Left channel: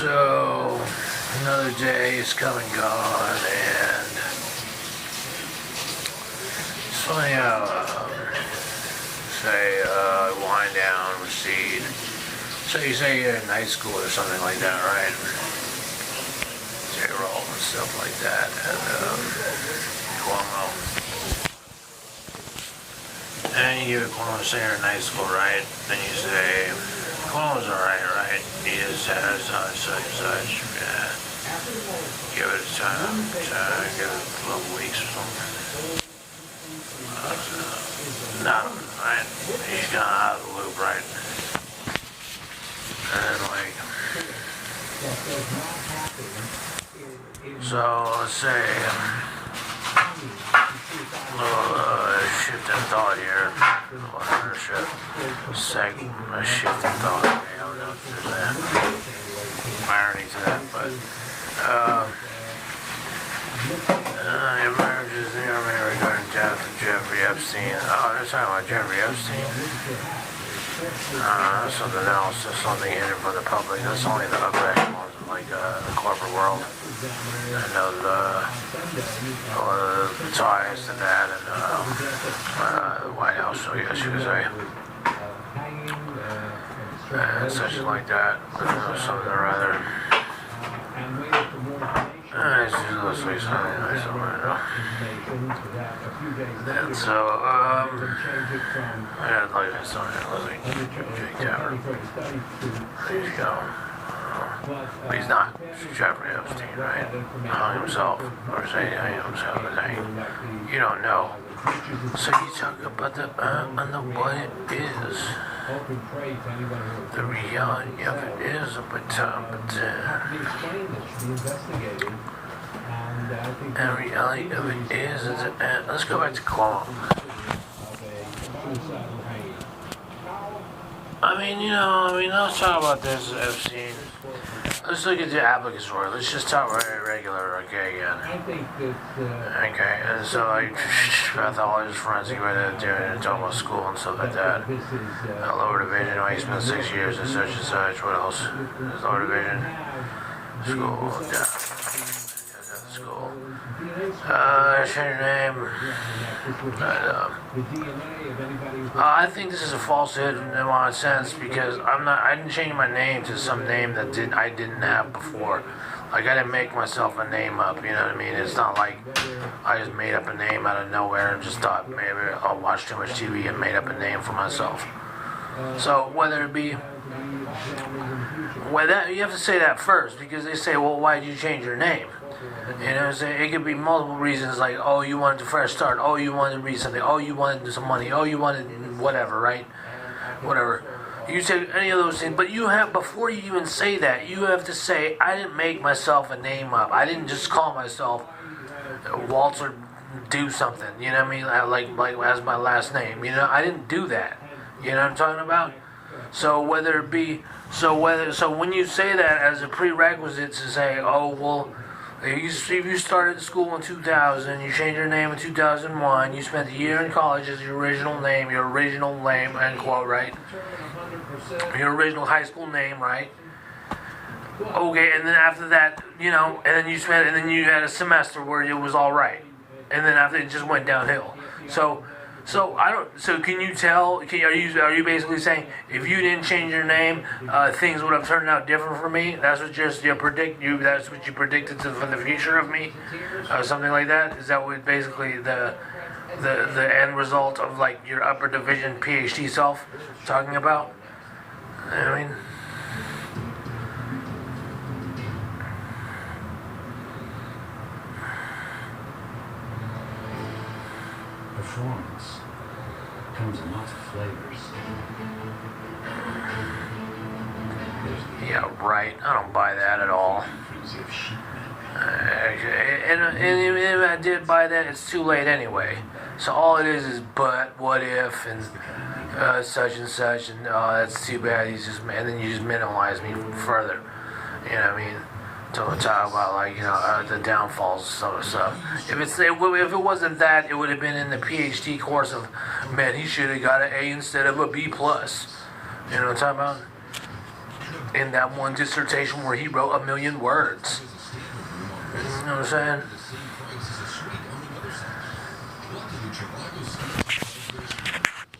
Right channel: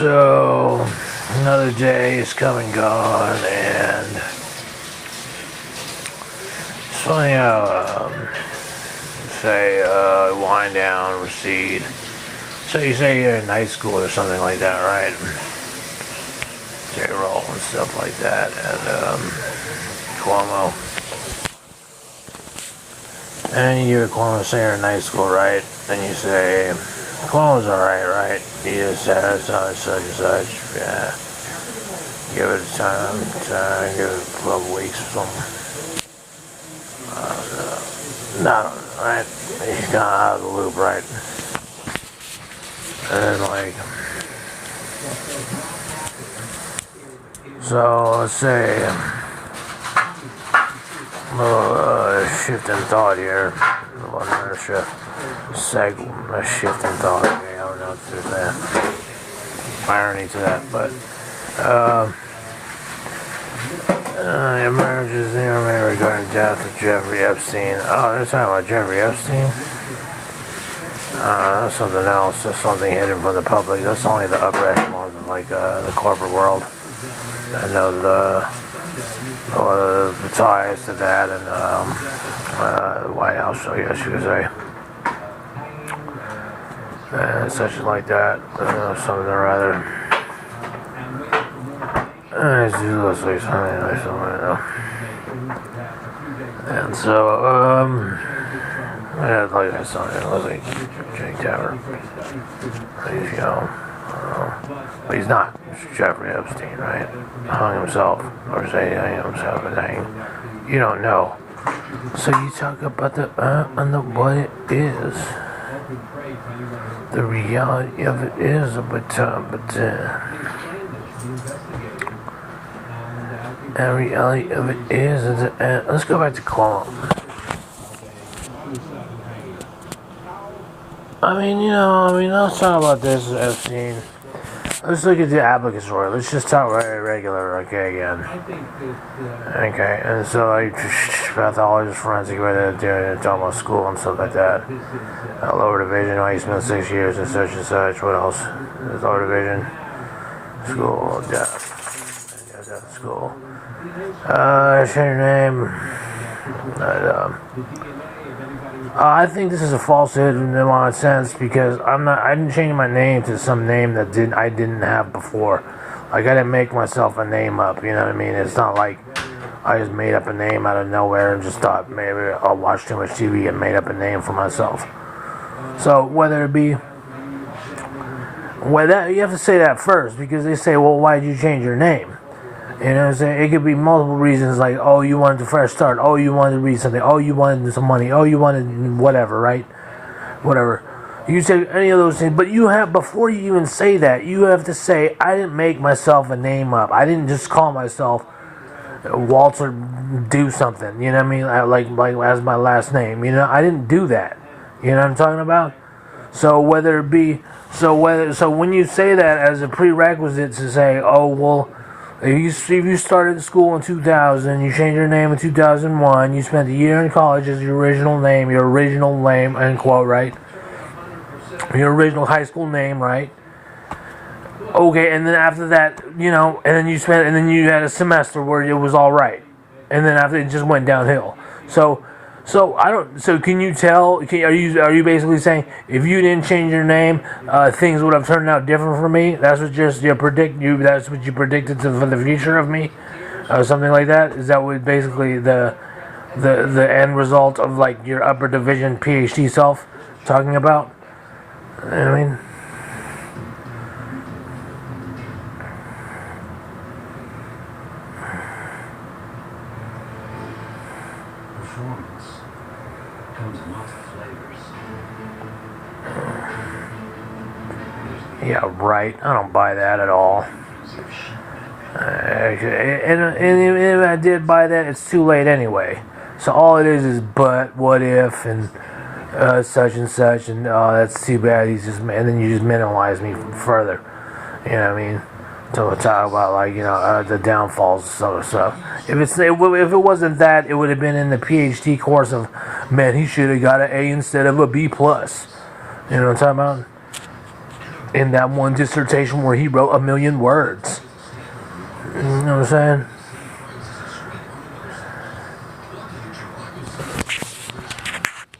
So, another day is come and gone, and it's funny how, say, wind down, recede. So you say you're in night school or something like that, right? J-roll and stuff like that, and, Cuomo. And you give Cuomo, say you're in night school, right? And you say, Cuomo's alright, right? He just has such and such, yeah. Give it time, give it 12 weeks or something. No, right? He's kind of out of the loop, right? And then, like, so let's say, a little shift in thought here. Another shift in thought. Okay, I don't know if there's that irony to that, but emerges near regarding death of Jeffrey Epstein. Oh, they're talking about Jeffrey Epstein? That's something else. That's something hidden from the public. That's only the upper echelons of like the corporate world. I know the ties to that and the White House, I guess you could say. And such like that. Something or other. It's usually something like that. And so, yeah, like I saw it was like Jake Tapper. There you go. But he's not. It's Jeffrey Epstein, right? Hung himself. Or say hung himself. You don't know. So you talk about what it is. The reality of it is, the reality of it is, let's go back to Cuomo. Let's talk about this Epstein. Let's look at the applicatory. Let's just talk very regular, okay, again. Okay, and so, like, pathologist, forensic, talking about school and stuff like that. Lower division, he spent 6 years and such. What else? Lower division, school, death, school. Change your name. I think this is a falsehood in my sense because I didn't change my name to some name that I didn't have before. Like, I didn't make myself a name up, you know what I mean? It's not like I just made up a name out of nowhere and just thought maybe I'll watch too much TV and made up a name for myself. So whether it be, you have to say that first because they say, well, why did you change your name? You know what I'm saying? It could be multiple reasons, like, oh, you wanted a fresh start, oh, you wanted to read something, oh, you wanted some money, oh, you wanted whatever, right? Whatever. You say any of those things, but before you even say that, you have to say, I didn't make myself a name up. I didn't just call myself Walter do something, you know what I mean? Like as my last name, you know? I didn't do that. You know what I'm talking about? So when you say that as a prerequisite to say, oh, well, if you started school in 2000, you changed your name in 2001, you spent a year in college as your original name, end quote, right? Your original high school name, right? Okay, and then after that, and then you had a semester where it was all right, and then after it just went downhill. So can you tell? Are you basically saying if you didn't change your name, things would have turned out different for me? That's what That's what you predicted for the future of me, something like that. Is that what basically the end result of like your upper division PhD self talking about? I mean. Performance comes in lots of flavors. Yeah, right. I don't buy that at all. And if I did buy that, it's too late anyway. So all it is but, what if, and such and such, and that's too bad. And then you just minimize me further. You know what I mean? To talk about the downfalls and some of stuff. If it wasn't that, it would have been in the PhD course of, man, he should have got an A instead of a B plus. You know what I'm talking about? in that one dissertation where he wrote 1,000,000 words. You know what I'm saying?